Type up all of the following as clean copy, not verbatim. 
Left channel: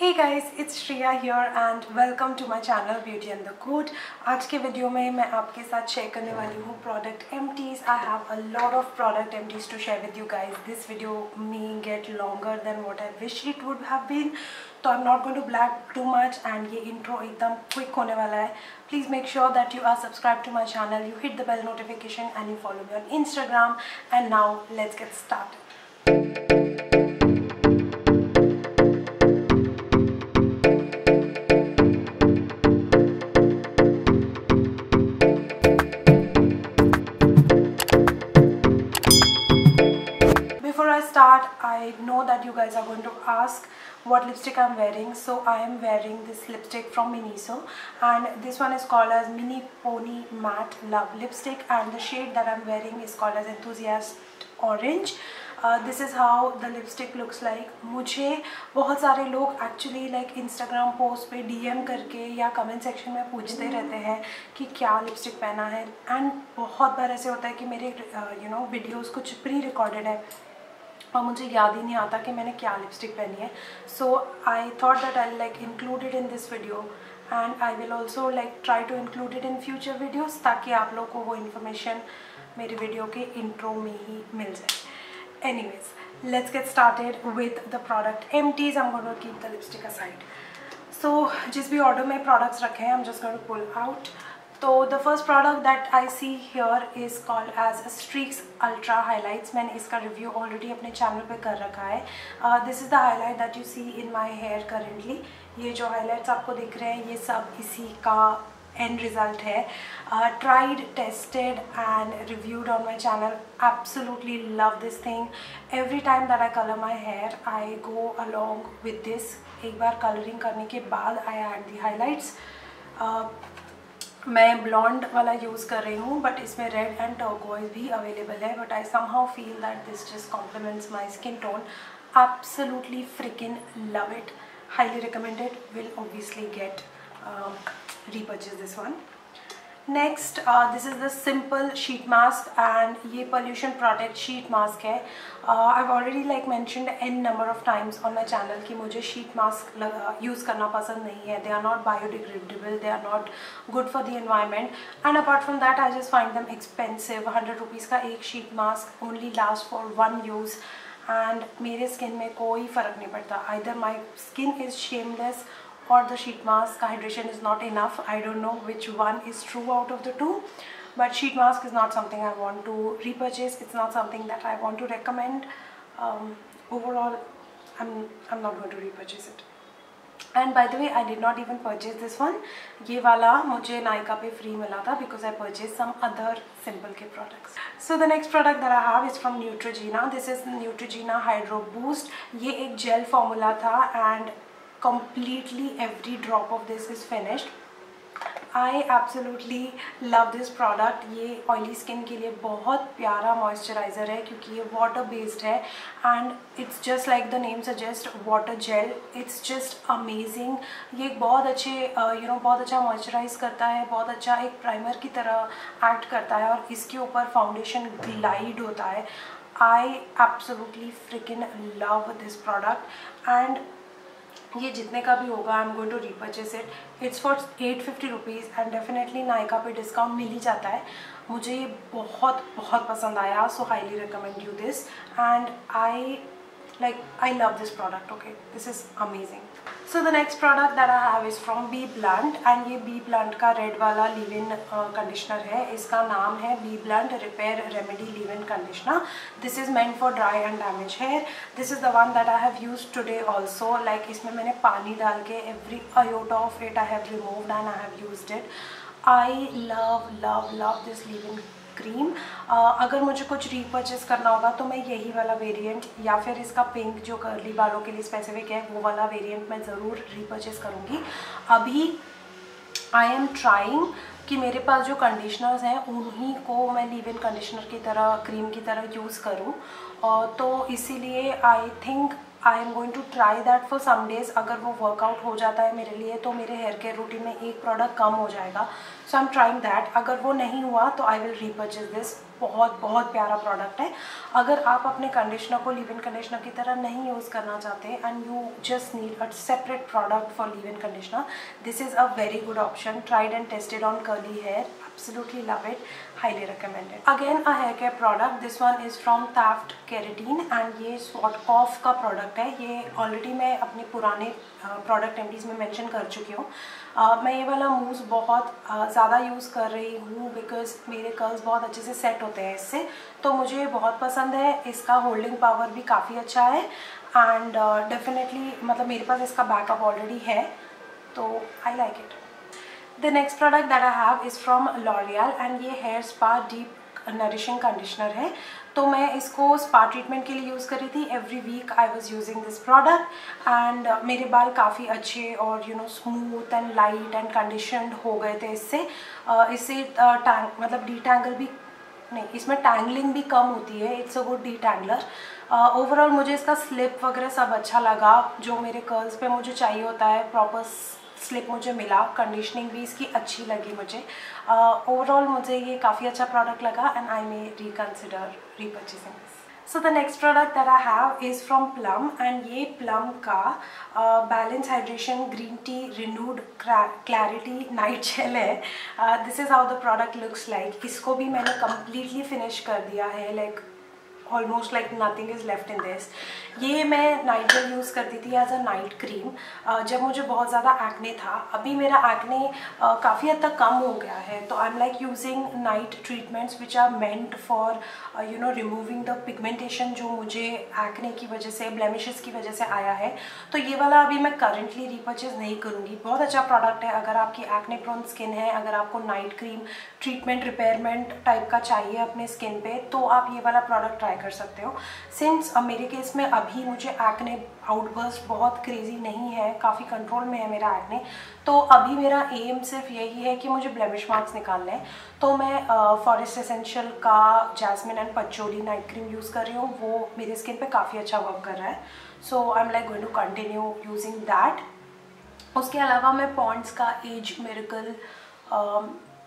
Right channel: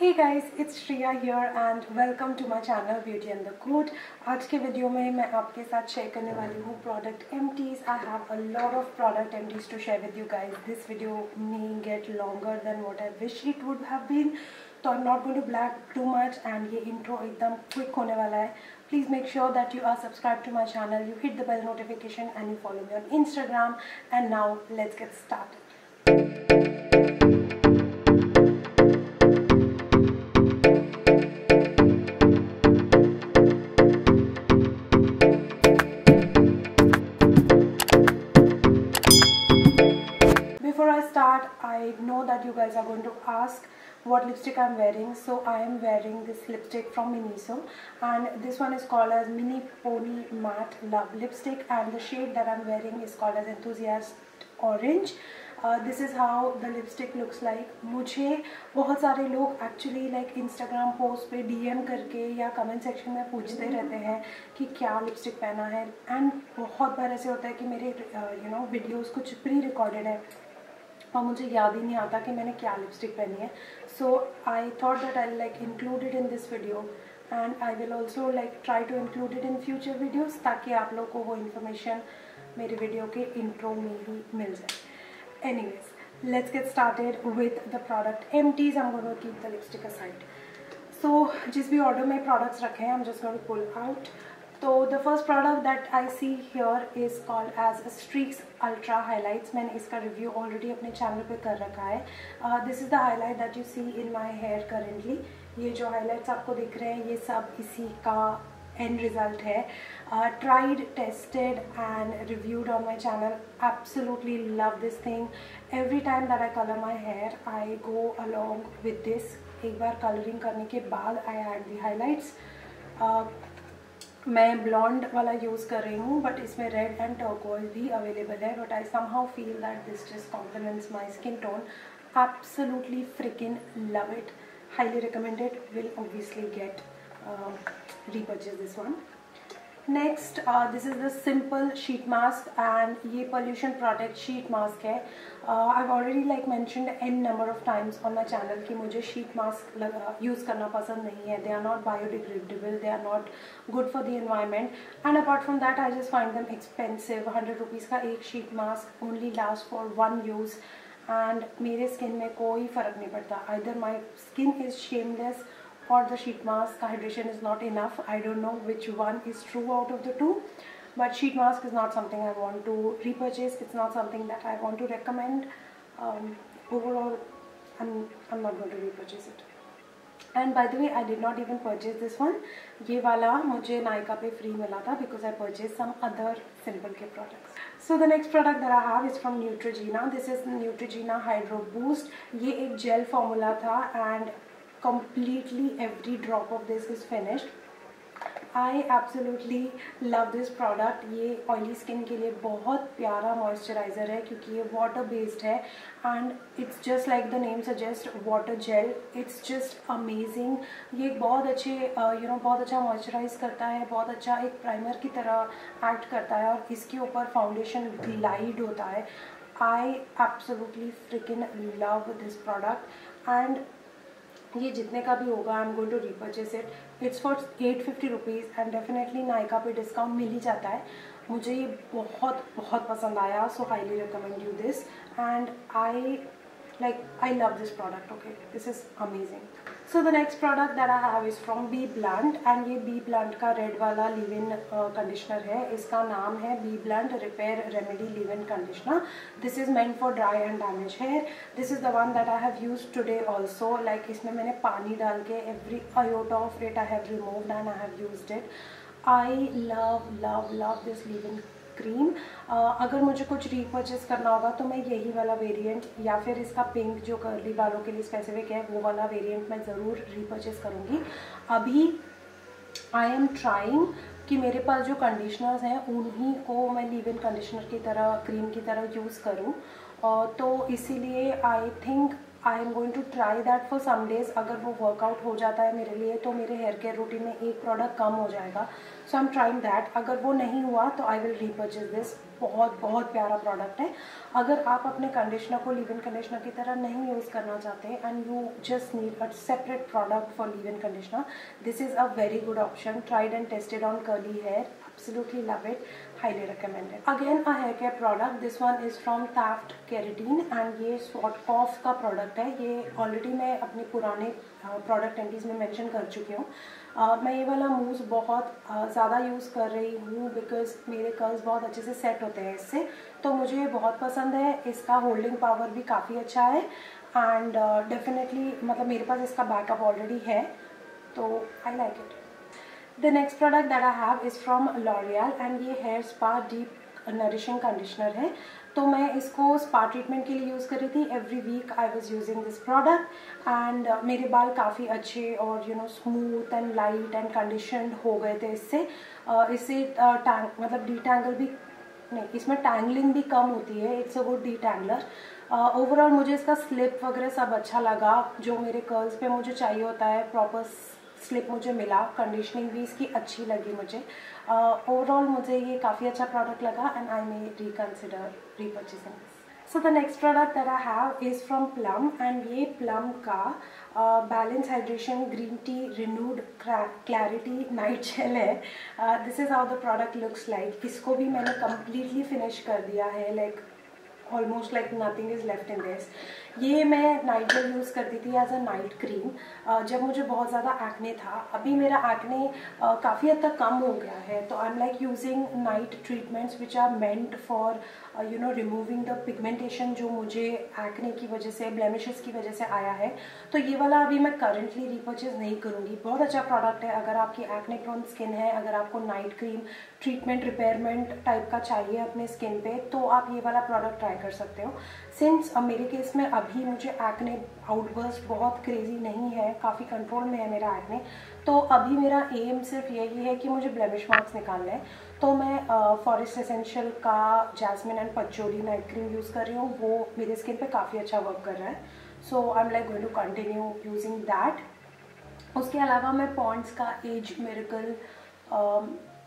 Hey guys, it's Shriya here and welcome to my channel Beauty and the Code। आज के video में मैं आपके साथ शेयर करने वाली हूँ product empties। I have a lot of product empties to share with you guys। This video may get longer than what I wish it would have been, तो I'm not going to blab too much and ये intro एकदम quick होने वाला है। Please make sure that you are subscribed to my channel, you hit the bell notification and you follow me on Instagram। And now let's get started। I know that you guys are going to ask what lipstick I'm wearing, so I am wearing this lipstick from Miniso and this one is called as Mini Pony Matte Love Lipstick and the shade that I'm wearing is called as Enthusiast Orange। This is how the lipstick looks like। मुझे बहुत सारे लोग actually like Instagram post पे DM करके या comment section में पूछते रहते हैं कि क्या lipstick पहना है and बहुत बार ऐसे होता है कि मेरे videos कुछ pre-recorded है और मुझे याद ही नहीं आता कि मैंने क्या लिपस्टिक पहनी है। So I thought that I like include it in this video and I will also like try to include it in future videos ताकि आप लोग को वो इन्फॉर्मेशन मेरे वीडियो के इंट्रो में ही मिल जाए। Anyways, let's get started with the product empties. I am going to keep the lipstick aside. So जिस भी ऑर्डर में प्रोडक्ट्स रखे हैं I am just going to pull out. तो the first product that I see here is called edge Streax ultra highlights. मैंने इसका review already अपने channel पे कर रखा है। This is the highlight that you see in my hair currently. ये जो हाईलाइट्स आपको दिख रहे हैं ये सब इसी का एंड रिजल्ट है। Tried, tested and reviewed on my channel. Absolutely love this thing. Every time that I colour my hair I go along with this. एक बार कलरिंग करने के बाद आई ऐड दी हाईलाइट्स। मैं ब्लॉन्ड वाला use कर रही हूँ बट इसमें रेड एंड टर्कोइज भी अवेलेबल है, but I somehow feel that this just complements my skin tone. Absolutely frickin love it, highly recommended. Will obviously get repurchase this one। Next this is the simple sheet mask and ये pollution protect sheet mask है। I already like mentioned an number of times on my channel कि मुझे sheet mask use करना पसंद नहीं है। They are not biodegradable, they are not good for the environment and apart from that I just find them expensive. 100 rupees का एक sheet mask only last for 1 use and मेरे skin में कोई फ़र्क नहीं पड़ता। Either my skin is shameless or the sheet mask hydration is not enough। I don't know which one is true out of the two, but sheet mask is not something I want to repurchase। It's not something that I want to recommend। Overall I'm not going to repurchase it। And by the way, I did not even purchase this one। ये वाला मुझे नायका पे free मिला था because I purchased some other simple care products। So the next product that I have is from Neutrogena। This is Neutrogena Hydro Boost। ये एक gel formula था and completely every drop of this is finished। I absolutely love this product। ये oily skin के लिए बहुत प्यारा moisturiser है क्योंकि ये वाटर बेस्ड है and it's just like the name suggest water gel. It's just amazing. ये एक बहुत अच्छे बहुत अच्छा मॉइस्चराइज करता है, बहुत अच्छा एक प्राइमर की तरह एक्ट करता है और इसके ऊपर फाउंडेशन ग्लाइड होता है। I absolutely frickin love this product and ये जितने का भी होगा I am going to repurchase it. It's for 850 rupees and definitely Nykaa पे डिस्काउंट मिल ही जाता है। मुझे ये बहुत बहुत पसंद आया। So highly recommend you this and I love this product. Okay, this is amazing. So the next product that I have is from B Blunt and ये बी ब्लंट का रेड वाला लीव इन कंडीशनर है। इसका नाम है B Blunt repair remedy leave in conditioner. This is meant for dry and damage hair. This is the one that I have used today also. Like इसमें मैंने पानी डाल के every iota of it I have removed and I have used it. I love love love this leave in cream. अगर मुझे कुछ repurchase करना होगा तो मैं यही वाला वेरिएंट या फिर इसका पिंक जो कर्ली बालों के लिए स्पेसिफिक है वो वाला वेरिएंट मैं ज़रूर रीपर्चेस करूँगी। अभी आई एम ट्राइंग कि मेरे पास जो कंडीशनर्स हैं उन्हीं को मैं लीव इन कंडीशनर की तरह क्रीम की तरह यूज़ करूँ। तो इसीलिए I think I am going to try that for some days. अगर वो वर्कआउट हो जाता है मेरे लिए तो मेरे हेयर केयर रूटीन में एक प्रोडक्ट कम हो जाएगा. सो आई एम ट्राइंग दैट. अगर वो नहीं हुआ तो आई विल रीपर्चेज दिस. बहुत प्यारा प्रोडक्ट है. अगर आप अपने कंडीशनर को लीव इन कंडीशनर की तरह नहीं यूज़ करना चाहते and you just need a separate product for leave in conditioner, this is a very good option. Tried and tested on curly hair. Absolutely love it. Highly recommended. Again a hair care product. This one is from Taft Keratin and ये Swatkopf का product है. ये already मैं अपने पुराने product MDs में mention कर चुकी हूँ. मैं ये वाला मूस बहुत ज़्यादा यूज़ कर रही हूँ बिकॉज मेरे कर्ल्स बहुत अच्छे से सेट होते हैं इससे, तो मुझे बहुत पसंद है. इसका होल्डिंग पावर भी काफ़ी अच्छा है एंड डेफिनेटली मतलब मेरे पास इसका बैकअप ऑलरेडी है, तो I like it. The next product that I have is from L'Oreal and ये hair spa deep nourishing conditioner है. तो मैं इसको स्पा ट्रीटमेंट के लिए यूज़ कर रही थी. Every week I was using this product and मेरे बाल काफ़ी अच्छे और smooth and light and conditioned हो गए थे इससे. इससे मतलब डीटैंगल भी नहीं, इसमें टैंगलिंग भी कम होती है. It's a good detangler. Overall मुझे इसका स्लिप वगैरह सब अच्छा लगा. जो मेरे कर्ल्स पे मुझे चाहिए होता है प्रॉपर स्लिप मुझे मिला. कंडीशनिंग भी इसकी अच्छी लगी मुझे. ओवरऑल मुझे ये काफ़ी अच्छा प्रोडक्ट लगा and I may reconsider repurchasing this. So the next product that I have is from Plum and ये प्लम का balance hydration green tea renewed clarity night gel है. This is how the product looks like. इसको भी मैंने completely finish कर दिया है. Like almost like nothing is left in this. ये मैं नाइट जेल यूज़ करती थी एज अ नाइट क्रीम जब मुझे बहुत ज़्यादा एक्ने था. अभी मेरा एक्ने काफ़ी हद तक कम हो गया है, तो I am like using night treatments which are meant for removing the pigmentation जो मुझे एक्ने की वजह से, ब्लेमिशेस की वजह से आया है. तो ये वाला अभी मैं करंटली रीपर्चेज नहीं करूँगी. बहुत अच्छा प्रोडक्ट है. अगर आपकी एक्ने प्रोन स्किन है, अगर आपको night cream treatment repayment type का चाहिए अपने स्किन पे, तो आप ये वाला प्रोडक्ट ट्राई कर सकते हो. सिंस मेरे केस में अभी मुझे एक्ने आउटबर्स्ट बहुत क्रेजी नहीं है, काफ़ी कंट्रोल में है मेरा एक्ने, तो अभी मेरा एम सिर्फ यही है कि मुझे ब्लेमिश मार्क्स निकालने हैं. तो मैं फॉरेस्ट एसेंशियल का jasmine and patchouli night cream use कर रही हूँ. वो मेरे स्किन पे काफ़ी अच्छा वर्क कर रहा है. So I am like going to continue using that. उसके अलावा मैं पॉन्ड्स का age miracle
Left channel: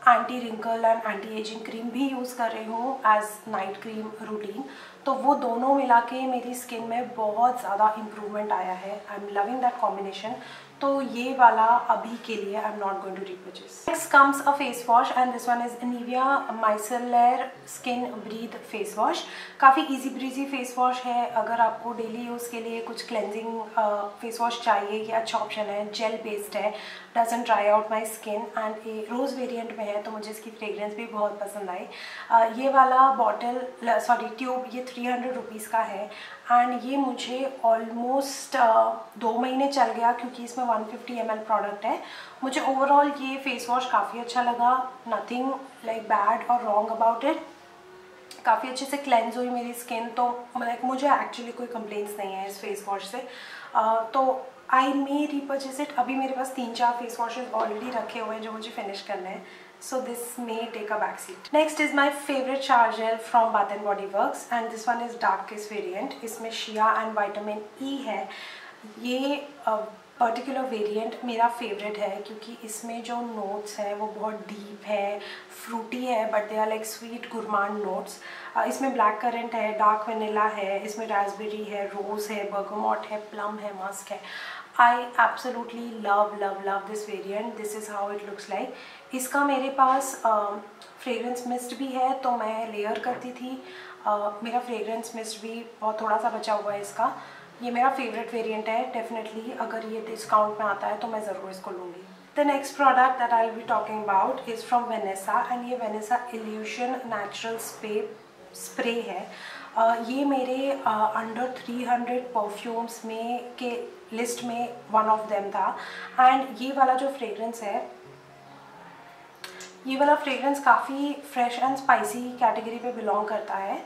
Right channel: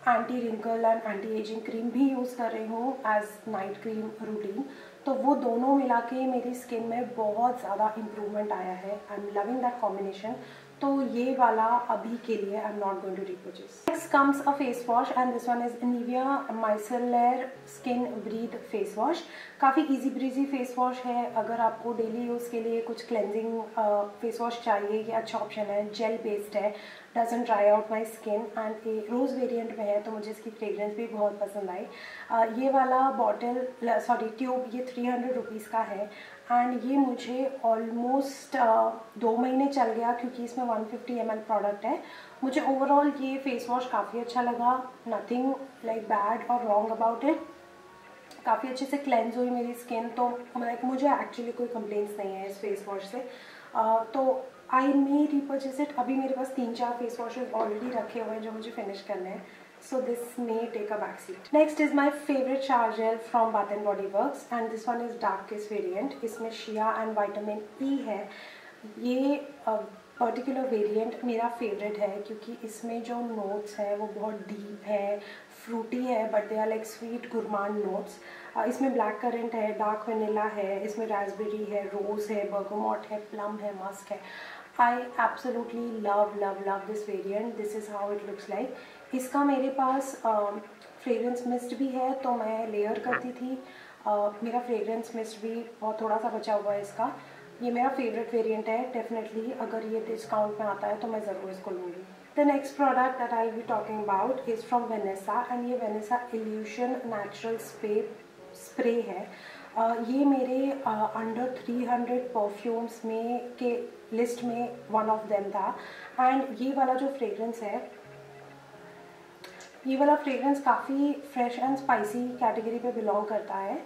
anti wrinkle and anti ageing cream भी यूज़ कर रही हूँ एज नाइट क्रीम रूटीन. तो वो दोनों मिला के मेरी स्किन में बहुत ज़्यादा इम्प्रूवमेंट आया है. I am loving that combination. तो ये वाला अभी के लिए I am not going to repurchase. Next comes a face wash and this one is Nivea micellar skin breathe face wash. काफ़ी इजी ब्रीजी फेस वॉश है. अगर आपको डेली यूज़ के लिए कुछ क्लेंजिंग फेस वॉश चाहिए, ये अच्छा ऑप्शन है. जेल बेस्ड है, doesn't dry out my skin and ये रोज़ वेरिएंट में है, तो मुझे इसकी फ्रेग्रेंस भी बहुत पसंद आई. ये वाला बॉटल ट्यूब ये 300 रुपीज़ का है एंड ये मुझे ऑलमोस्ट 2 महीने चल गया क्योंकि इसमें 150 ml प्रोडक्ट है. मुझे ओवरऑल ये फेस वॉश काफ़ी अच्छा लगा. नथिंग लाइक बैड और रॉन्ग अबाउट इट. काफ़ी अच्छे से क्लेंज हुई मेरी स्किन, तो लाइक मुझे एक्चुअली कोई कंप्लेंट्स नहीं है इस फेस वॉश से. तो आई मे रीपर्चेस इट. अभी मेरे पास 3-4 फेस वॉशेज ऑलरेडी रखे हुए हैं जो मुझे फिनिश करने हैं. So this may take a back seat. Next is my favorite shower gel from Bath and Body Works and this one is darkest variant. इसमें शिया एंड विटामिन ई है. ये पर्टिकुलर वेरिएंट मेरा फेवरेट है क्योंकि इसमें जो नोट्स हैं वो बहुत डीप है, फ्रूटी है, but they are like sweet gourmand notes. इसमें ब्लैक करंट है, डार्क वनीला है, इसमें रास्पबेरी है, रोज़ है, बर्गमॉट है, प्लम है, मस्क है. I absolutely love this variant. This is how it looks like. इसका मेरे पास फ्रेग्रेंस मिस्ट भी है, तो मैं लेयर करती थी. मेरा फ्रेग्रेंस मिस्ट भी बहुत थोड़ा सा बचा हुआ है इसका. ये मेरा फेवरेट वेरिएंट है. डेफिनेटली अगर ये डिस्काउंट में आता है तो मैं ज़रूर इसको लूँगी. The next product that I'll be talking about is from Vanessa and ये Vanessa Illusion Natural Spray है. ये मेरे अंडर 300 परफ्यूम्स में के लिस्ट में वन ऑफ देम था एंड ये वाला जो फ्रेग्रेंस है, ये वाला फ्रेग्रेंस काफ़ी फ्रेश एंड स्पाइसी कैटेगरी पे बिलोंग करता है.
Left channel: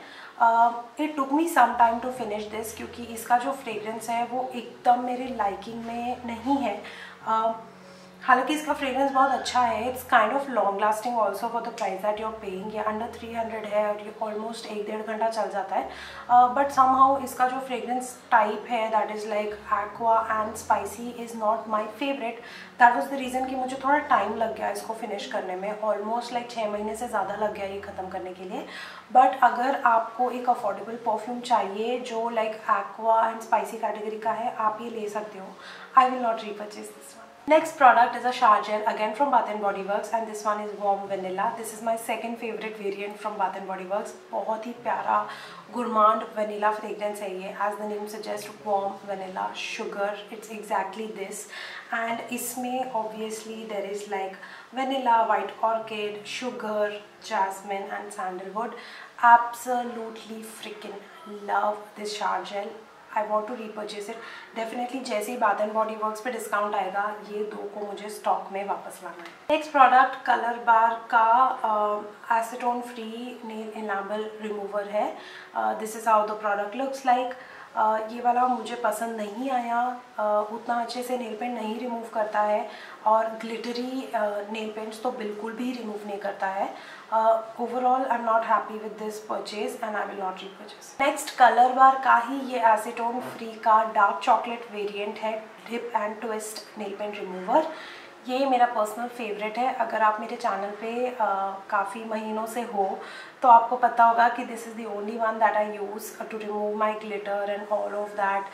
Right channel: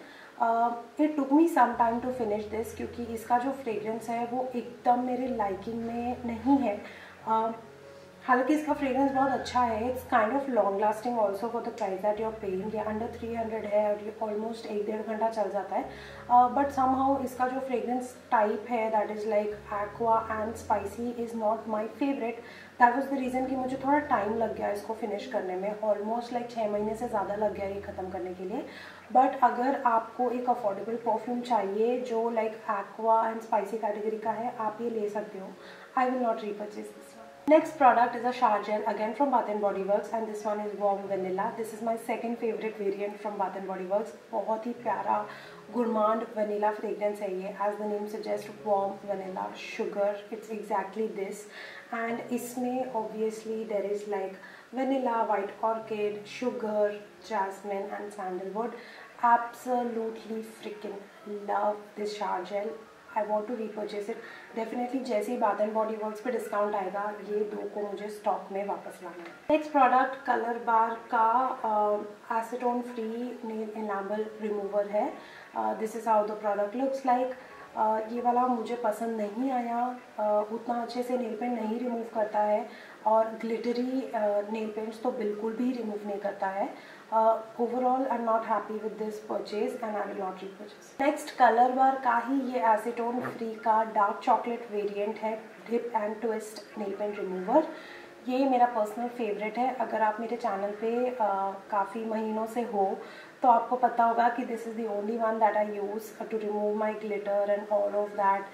It took me some time to finish this क्योंकि इसका जो फ्रेग्रेंस है वो एकदम मेरे लाइकिंग में नहीं है. हालांकि इसका फ्रेग्रेंस बहुत अच्छा है, it's kind of long lasting also for the price that you are paying. ये अंडर 300 है और ये ऑलमोस्ट 1-1.5 घंटा चल जाता है। बट समहाउ इसका जो फ्रेग्रेंस टाइप है that is like aqua and spicy is not my favourite. That was the reason कि मुझे थोड़ा टाइम लग गया इसको फिनिश करने में, ऑलमोस्ट लाइक 6 महीने से ज़्यादा लग गया ये ख़त्म करने के लिए। बट अगर आपको एक अफोर्डेबल परफ्यूम चाहिए जो like aqua and spicy category का है, आप ये ले सकते हो। आई will not repurchase this one. Next product is a shower gel again from Bath and Body Works and this one is warm vanilla. This is my second favorite variant from Bath and Body Works. बहुत ही प्यारा gourmand vanilla fragrance है ये, as the name suggests, warm vanilla sugar. It's exactly this. And इसमें obviously there is like vanilla, white orchid, sugar, jasmine and sandalwood. Absolutely freaking love this shower gel. I want to repurchase it. Definitely जैसे ही Bath and Body Works पे discount आएगा, ये 2 को मुझे stock में वापस लाना है। नेक्स्ट प्रोडक्ट कलर बार का acetone free nail enamel remover है। This is how the product looks like. ये वाला मुझे पसंद नहीं आया, उतना अच्छे से नेल पेंट नहीं रिमूव करता है और ग्लिटरी नेल पेंट्स तो बिल्कुल भी रिमूव नहीं करता है। Overall I am not happy with this purchase and I will not repurchase. Next colour bar का ही ये एसीटोन फ्री का डार्क चॉकलेट वेरिएंट है, dip and twist nail paint remover. ये मेरा पर्सनल फेवरेट है। अगर आप मेरे चैनल पे काफ़ी महीनों से हो तो आपको पता होगा कि this is the only one that I use to remove my glitter and all of that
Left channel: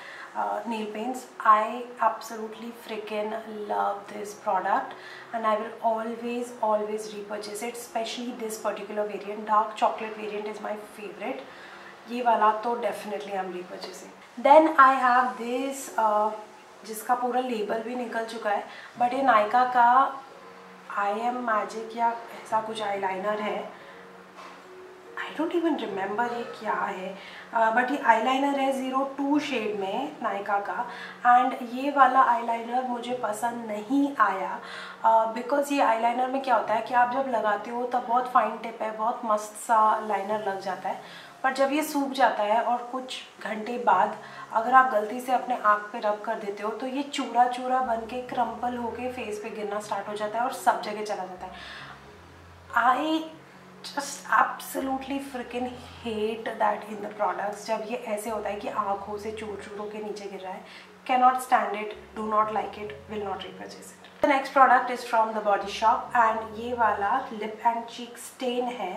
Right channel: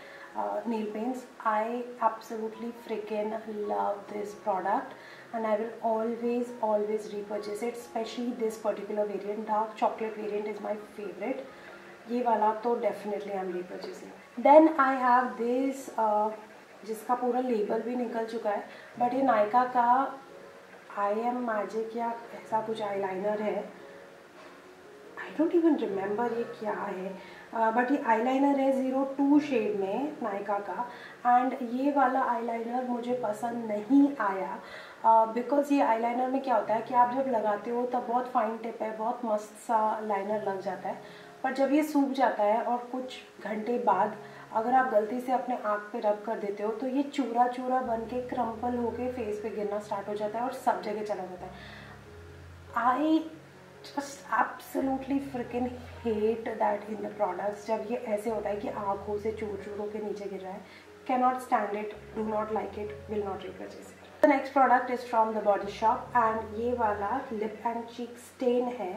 nail paints. I absolutely freaking love this product and I will always repurchase it, especially this particular variant. Dark chocolate variant is my favorite. ये वाला तो definitely I'm repurchasing. Then I have this जिसका पूरा label भी निकल चुका है, but ये नायका का आई एम मैजिक या ऐसा कुछ आईलाइनर है। आई डोंट इवन रिमेंबर ये क्या है, बट ये आईलाइनर है 02 शेड में नायका का। एंड ये वाला आईलाइनर मुझे पसंद नहीं आया बिकॉज ये आईलाइनर में क्या होता है कि आप जब लगाते हो तब बहुत फाइन टिप है, बहुत मस्त सा लाइनर लग जाता है, पर जब ये सूख जाता है और कुछ घंटे बाद अगर आप गलती से अपने आँख पे रब कर देते हो तो ये चूरा चूरा बन के क्रम्पल होके फेस पे गिरना स्टार्ट हो जाता है और सब जगह चला जाता है। I just absolutely freaking hate that in the products, जब ये ऐसे होता है कि आँखों से चूर चूरों के नीचे गिर रहा है। Cannot stand it, do not like it, will not repurchase it. The next product is from the body shop and ये वाला लिप एंड चीक स्टेन है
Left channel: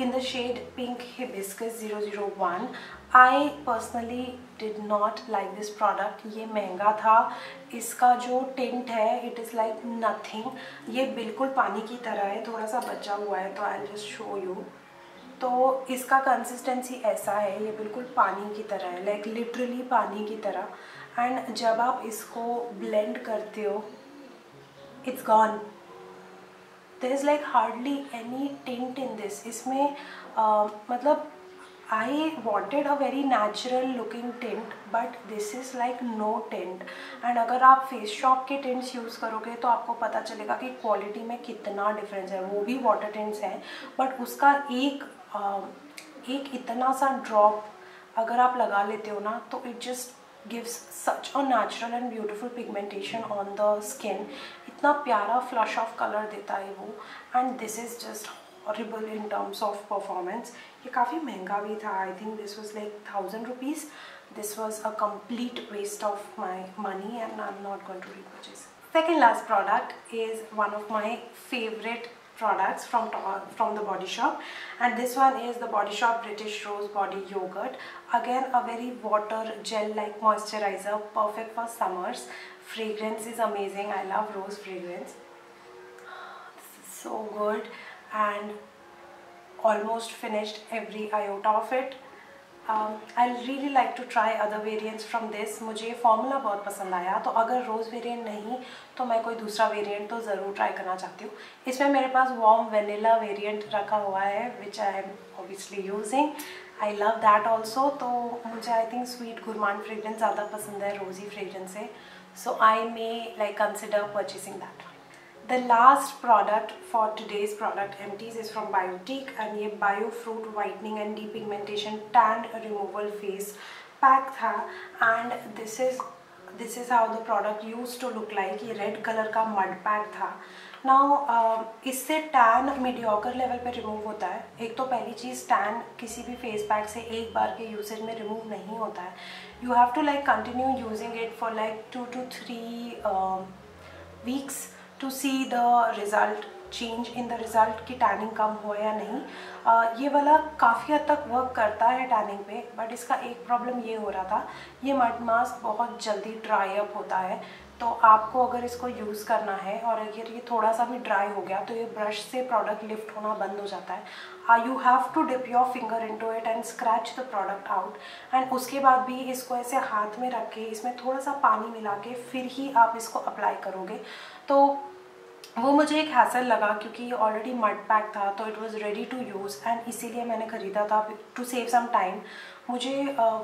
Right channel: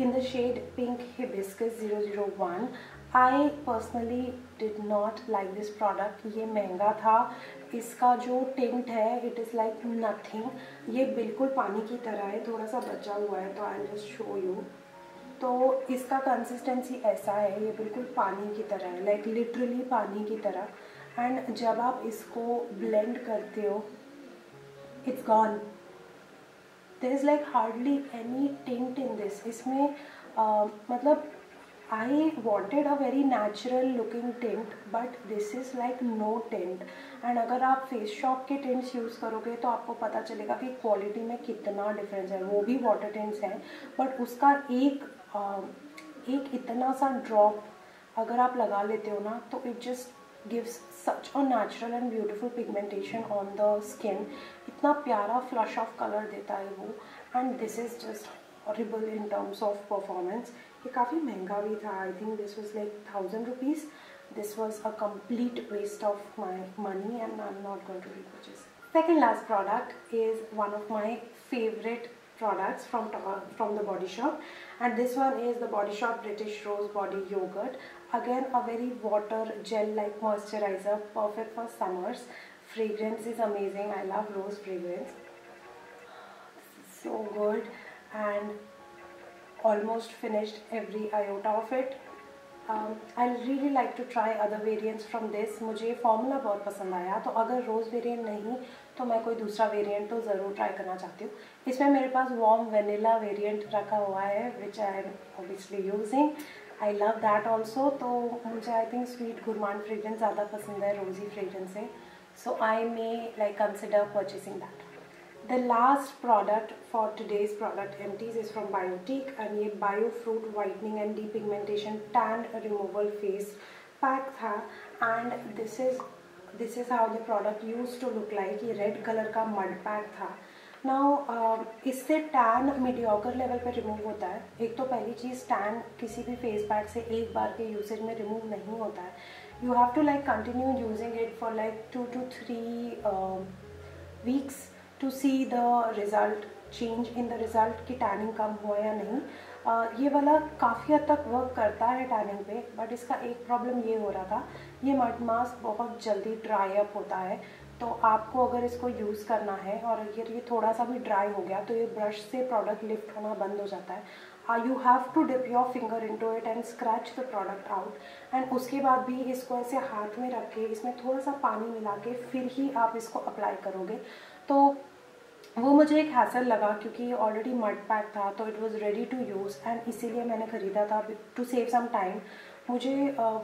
in the shade pink hibiscus 001। I personally did not like this product. ये महंगा था, इसका जो tint है it is like nothing. ये बिल्कुल पानी की तरह है, थोड़ा सा बचा हुआ है तो आई जस्ट शो यू। तो इसका कंसिस्टेंसी ऐसा है, ये बिल्कुल पानी की तरह है, लाइक लिटरली पानी की तरह। एंड जब आप इसको ब्लेंड करते हो it's gone, there is like hardly any tint in this. इसमें मतलब I wanted a very natural looking tint but this is like no tint। and अगर आप फेस शॉप के टिंट्स यूज़ करोगे तो आपको पता चलेगा कि क्वालिटी में कितना डिफरेंस है। वो भी वाटर टिंट्स हैं बट उसका एक इतना सा ड्रॉप अगर आप लगा लेते हो ना तो it just gives such a natural and beautiful pigmentation on the skin. इतना प्यारा फ्लश ऑफ कलर देता है वो। And this is just horrible in terms of performance. ये काफ़ी महंगा भी था, I think this was like 1000 rupees. This was a complete waste of my money and I'm not going to repurchase. Second last product is one of my favorite products from the Body Shop and this one is the Body Shop British Rose Body Yogurt. Again a very water gel like moisturizer, perfect for summers. Fragrance is amazing, I love rose fragrance. This is so good and almost finished every iota of it. I really like to try other variants from this. मुझे formula बहुत पसंद आया, तो अगर रोज़ variant नहीं तो मैं कोई दूसरा वेरिएंट तो ज़रूर ट्राई करना चाहती हूँ। इसमें मेरे पास वार्म वेनिला वेरिएंट रखा हुआ है which I am obviously using. I love that also. तो मुझे I think sweet gourmand fragrance ज़्यादा पसंद है रोज़ी फ्रेग्रेंस से, so I may like consider purchasing that. The last product for today's product empties is from Biotique and ये Bio Fruit Whitening and Depigmentation Tan Removal Face Pack था and this is this is how the product use to look like. ये red colour का mud pack था। Now इससे tan mediocre level पे remove होता है। एक तो पहली चीज़, टैन किसी भी फेस पैक से एक बार के यूसेज में रिमूव नहीं होता है। You have to like continue using it for like 2 to 3 weeks to see the result, change in the result कि टैनिंग कम हुआ या नहीं। ये वाला काफ़ी हद तक वर्क करता है टैनिंग पे, बट इसका एक प्रॉब्लम ये हो रहा था, ये मड मास्क बहुत जल्दी ड्राई अप होता है। तो आपको अगर इसको यूज़ करना है और अगर ये थोड़ा सा भी ड्राई हो गया तो ये ब्रश से प्रोडक्ट लिफ्ट होना बंद हो जाता है। You have to dip your finger into it and scratch the product out, and उसके बाद भी इसको ऐसे हाथ में रख के इसमें थोड़ा सा पानी मिला के फिर ही आप इसको अप्लाई करोगे। तो वो मुझे एक हैसल लगा क्योंकि ऑलरेडी मड पैक था, तो it was ready to use, and इसीलिए मैंने ख़रीदा था टू सेव सम टाइम। मुझे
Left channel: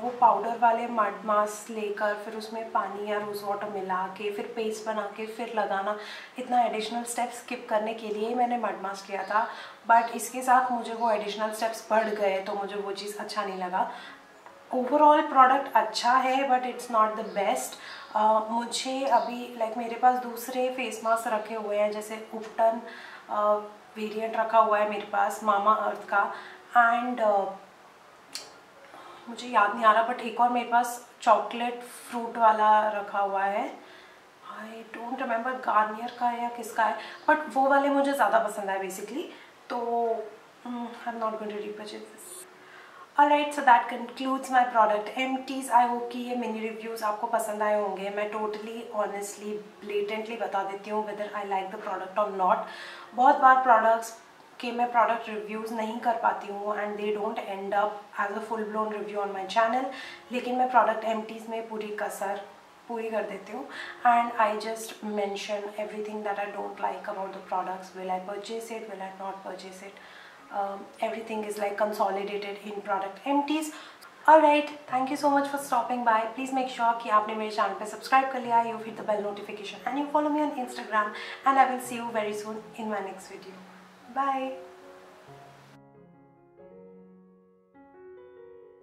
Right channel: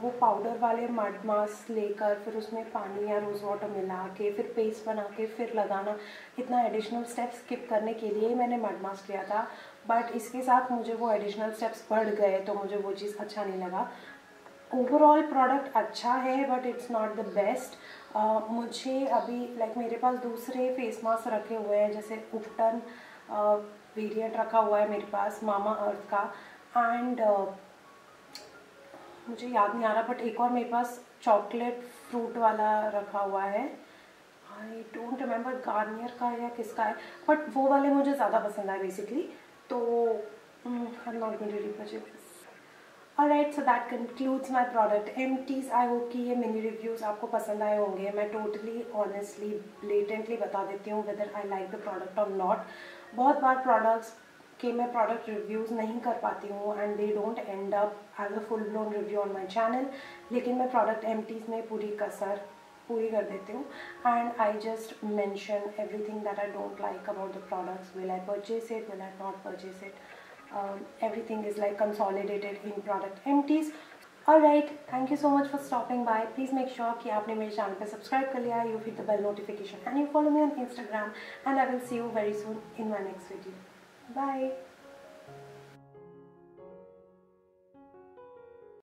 वो पाउडर वाले मड मास्क लेकर फिर उसमें पानी या रोज़ वाटर मिला के फिर पेस्ट बना के फिर लगाना, इतना एडिशनल स्टेप्स स्किप करने के लिए ही मैंने मड मास्क लिया था। बट इसके साथ मुझे वो एडिशनल स्टेप्स बढ़ गए तो मुझे वो चीज़ अच्छा नहीं लगा। ओवरऑल प्रोडक्ट अच्छा है but it's not the best. मुझे अभी लाइक मेरे पास दूसरे फेस मास्क रखे हुए हैं, जैसे उपटन वेरिएंट रखा हुआ है मेरे पास मामा अर्थ का, एंड मुझे याद नहीं आ रहा बट एक और मेरे पास चॉकलेट फ्रूट वाला रखा हुआ है। आई डोंट रिमेंबर गार्नियर का या किसका है, बट वो वाले मुझे ज़्यादा पसंद आए बेसिकली। तो I am not going to repurchase this. Alright, so that concludes my product empties. I hope कि ये मिनी रिव्यूज़ आपको पसंद आए होंगे। मैं टोटली ऑनेस्टली ब्लेटेंटली बता देती हूँ whether I like the product or not। बहुत बार प्रोडक्ट्स के मैं प्रोडक्ट रिव्यूज़ नहीं कर पाती हूँ and they don't end up as a full blown review on my channel, लेकिन मैं प्रोडक्ट एम्प्टीज़ में पूरी कसर पूरी कर देती हूँ, and I just mention everything that I don't like about the products. Will I purchase it, will I not purchase it? Everything is like consolidated in product empties. Alright, thank you so much for stopping by. Please make sure कि आपने मेरे channel पे subscribe कर लिया है, you hit the bell notification and you follow me on Instagram, and I will see you very soon in my next video. Bye.